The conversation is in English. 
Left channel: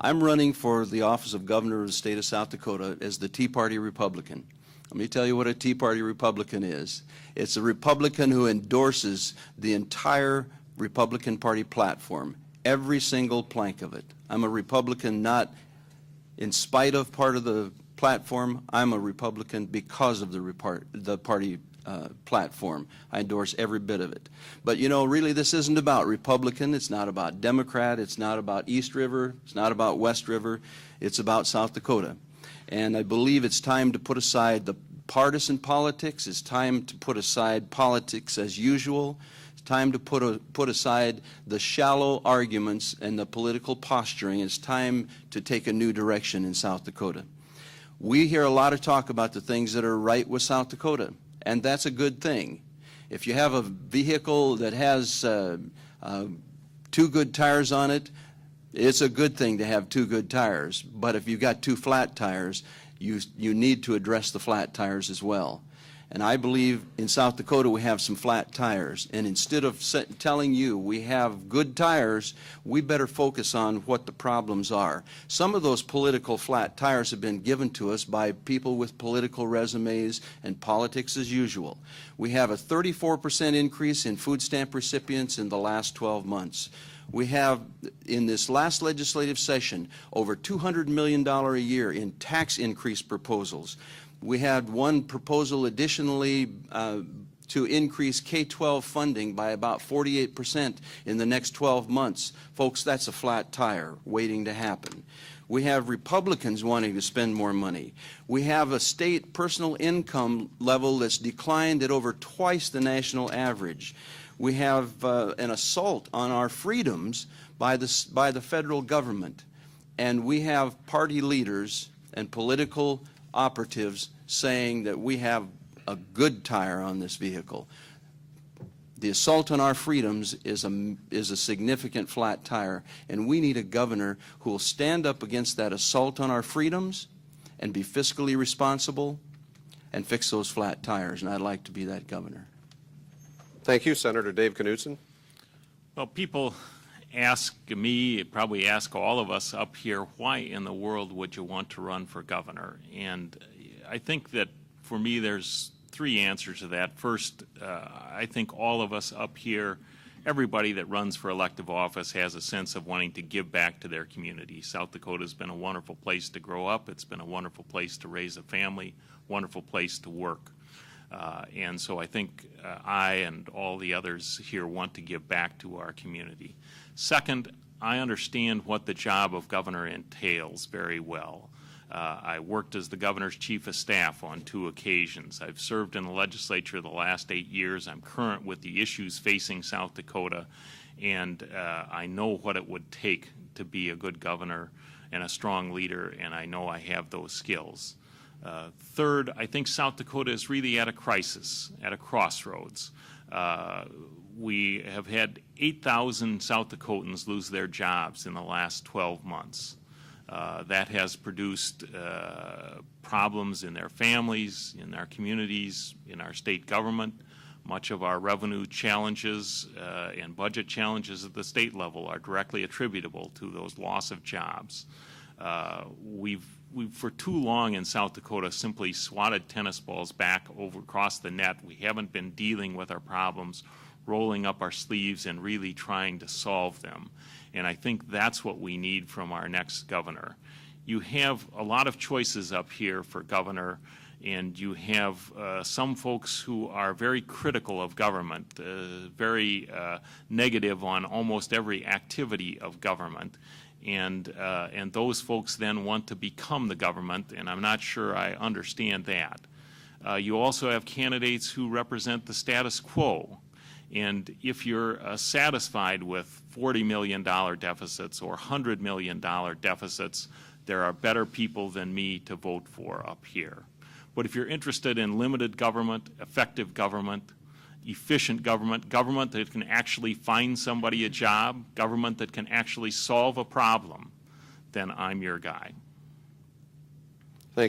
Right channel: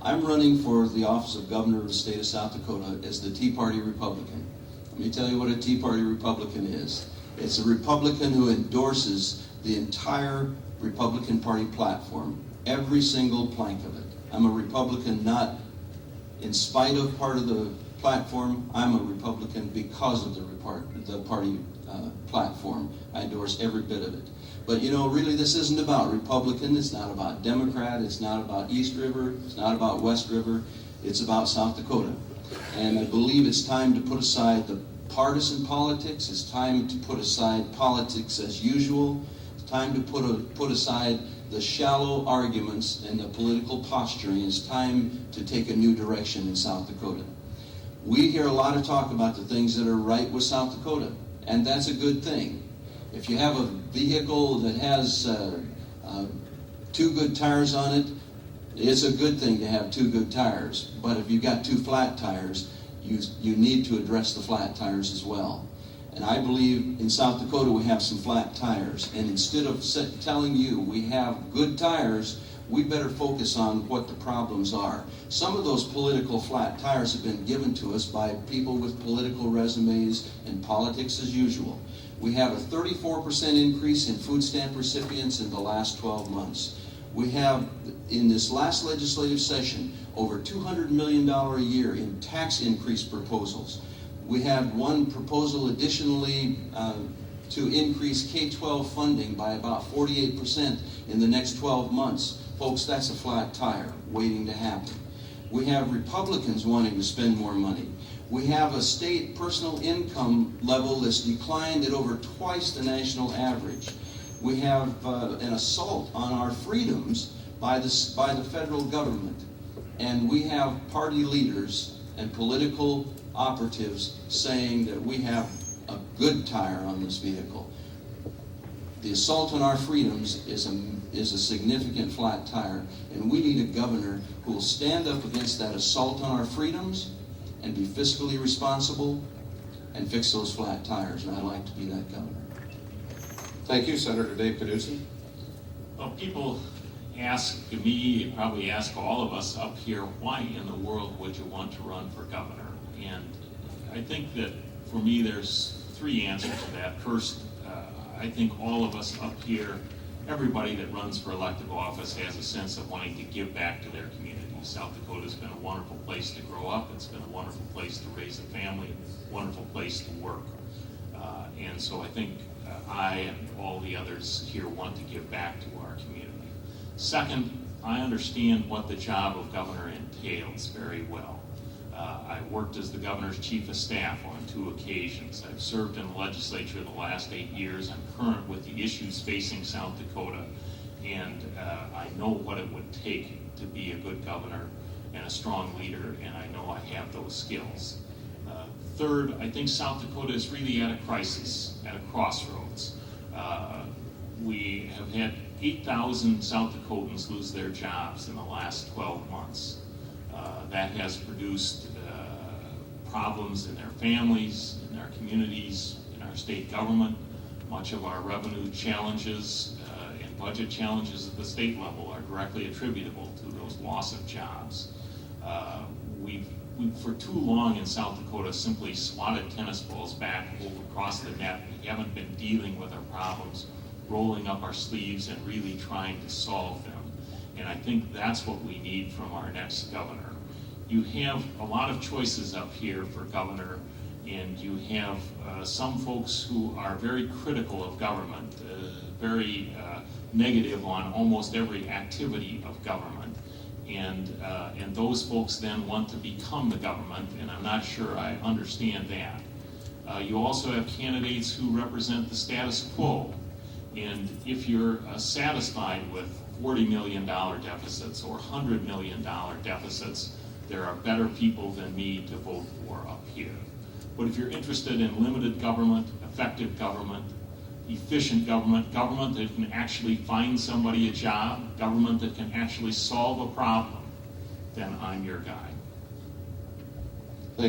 I'm running for the office of Governor of the state of South Dakota as the Tea Party Republican. Let me tell you what a Tea Party Republican is. It's a Republican who endorses the entire Republican Party platform, every single plank of it. I'm a Republican not in spite of part of the platform. I'm a Republican because of the party platform. I endorse every bit of it. But you know, really this isn't about Republican, it's not about Democrat, it's not about East River, it's not about West River, it's about South Dakota. And I believe it's time to put aside the partisan politics, it's time to put aside politics as usual, it's time to put aside the shallow arguments and the political posturing. It's time to take a new direction in South Dakota. We hear a lot of talk about the things that are right with South Dakota, and that's a good thing. If you have a vehicle that has 2 good tires on it, it's a good thing to have 2 good tires. But if you've got 2 flat tires, you need to address the flat tires as well. And I believe in South Dakota we have some flat tires. And instead of telling you we have good tires, we better focus on what the problems are. Some of those political flat tires have been given to us by people with political resumes and politics as usual. We have a 34% increase in food stamp recipients in the last 12 months. We have, in this last legislative session, over $200 million a year in tax increase proposals. We had one proposal additionally to increase K-12 funding by about 48% in the next 12 months. Folks, that's a flat tire waiting to happen. We have Republicans wanting to spend more money. We have a state personal income level that's declined at over twice the national average. We have an assault on our freedoms by the federal government. And we have party leaders and political operatives saying that we have a good tire on this vehicle. The assault on our freedoms is a significant flat tire, and we need a governor who will stand up against that assault on our freedoms and be fiscally responsible and fix those flat tires, and I'd like to be that governor. Thank you, Senator Dave Knudsen. Well, people ask me, probably ask all of us up here, why in the world would you want to run for governor? And I think that for me there's 3 answers to that. First, I think all of us up here, everybody that runs for elective office has a sense of wanting to give back to their community. South Dakota's been a wonderful place to grow up. It's been a wonderful place to raise a family, wonderful place to work. And so I think I and all the others here want to give back to our community. Second, I understand what the job of governor entails very well. I worked as the governor's chief of staff on 2 occasions. I've served in the legislature the last 8 years. I'm current with the issues facing South Dakota, and I know what it would take to be a good governor and a strong leader, and I know I have those skills. Third, I think South Dakota is really at a crisis, at a crossroads. We have had 8,000 South Dakotans lose their jobs in the last 12 months. That has produced problems in their families, in their communities, in our state government. Much of our revenue challenges and budget challenges at the state level are directly attributable to those loss of jobs. We've for too long in South Dakota simply swatted tennis balls back across the net. We haven't been dealing with our problems, rolling up our sleeves and really trying to solve them. And I think that's what we need from our next governor. You have a lot of choices up here for governor, and you have some folks who are very critical of government, very negative on almost every activity of government. And those folks then want to become the government, and I'm not sure I understand that. You also have candidates who represent the status quo. And if you're satisfied with $40 million deficits or $100 million deficits, there are better people than me to vote for up here. But if you're interested in limited government, effective government, efficient government, government that can actually find somebody a job, government that can actually solve a problem, then I'm your guy.